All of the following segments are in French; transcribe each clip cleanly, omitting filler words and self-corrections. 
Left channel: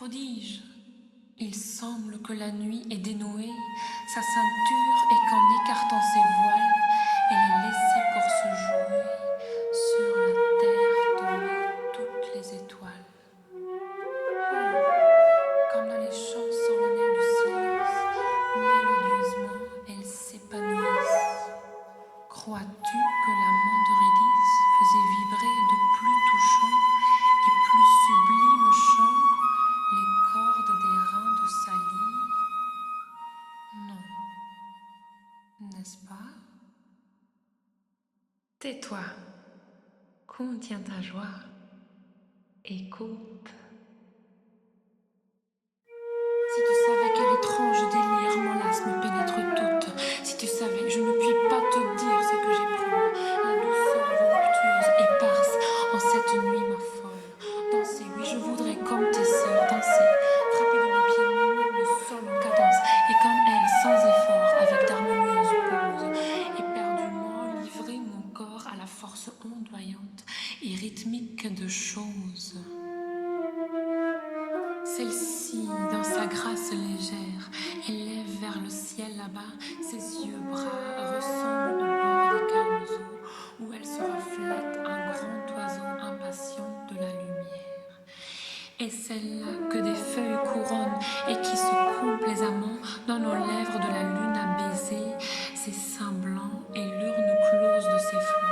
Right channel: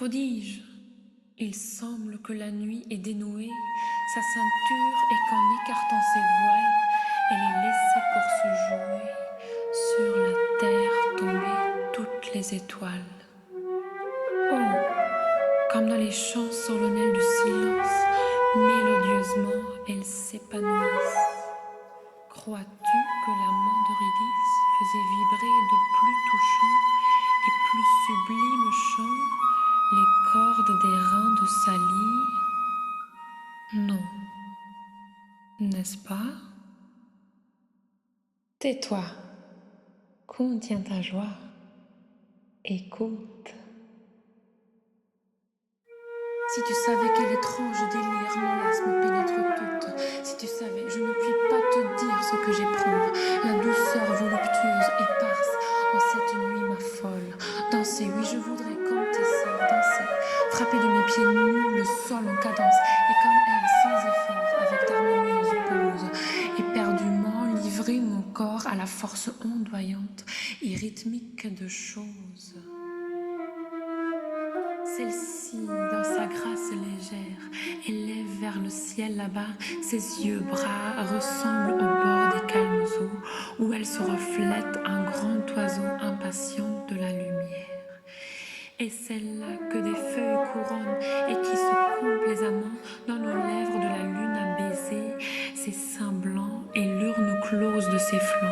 prodige. Il semble que la nuit ait dénoué sa ceinture et qu'en écartant ses voiles, elle ait laissé pour se jouer sur la terre tomber toutes les étoiles. Oh, comme dans les chants solennels du silence, mélodieusement elles s'épanouissent. Crois-tu que l'amant d'Eurydice faisait vibrer de plus touchants et plus sublimes chants les cordes des reins de sa lyre? Non, n'est-ce pas? Tais-toi, contiens ta joie, écoute. Si tu savais quel étrange délire m'enlace, me pénètre toute, si tu savais, je ne puis pas te dire ce que j'éprouve, la douceur voluptueuse, éparse, en cette nuit ma folle. Danser, oui, je voudrais comme tes sœurs, danser, frapper de mes pieds nus le sol en cadence, et comme elles, sans effort, avec d'harmonieuses pauses, éperdument livrer mon corps à la force ondoyante et rythmique de choses. Celle-ci, dans sa grâce légère, élève vers le ciel là-bas, ses yeux bras ressemblent au bord des calmes eaux, où elle se reflète un grand oiseau impatient de la lumière. Et celle-là que des feuilles couronnent et qui se coupe plaisamment dans nos lèvres de la lune à baiser ses seins blancs et l'urne close de ses flancs.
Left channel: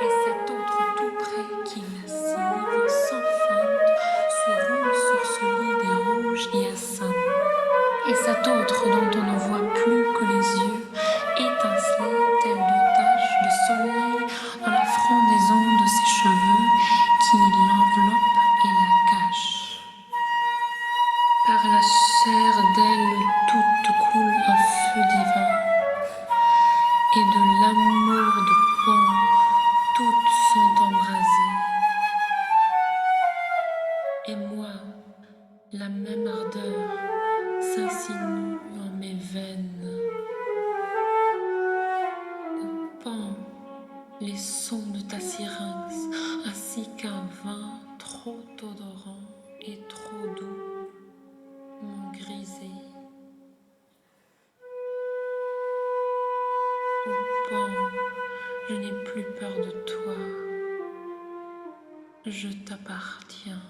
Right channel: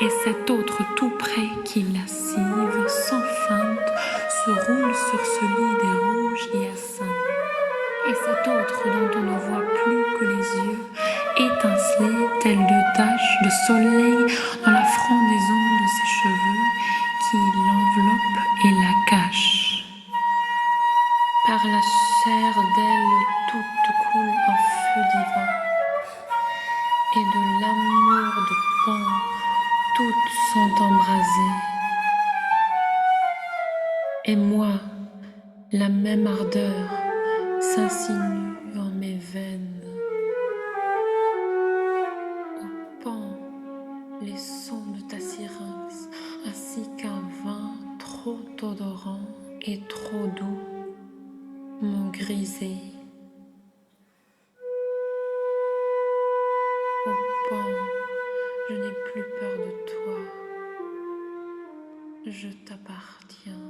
Et cet autre tout près qui lascive, sans feinte, se roule sur ce lit des rouges hyacinthes. Et cet autre dont on ne voit plus que les yeux étinceler tels deux taches de soleil dans la frondaison de ses cheveux qui l'enveloppent et la cachent. Par la chair d'elle toute coule un feu divin, et de l'amour de Pan toutes sont embrasées. Et moi, la même ardeur s'insinue en mes veines. Au Pan, les sons de ta syrinx, ainsi qu'un vin trop odorant et trop doux, m'ont grisé. Au Pan, je n'ai plus peur de toi, je t'appartiens.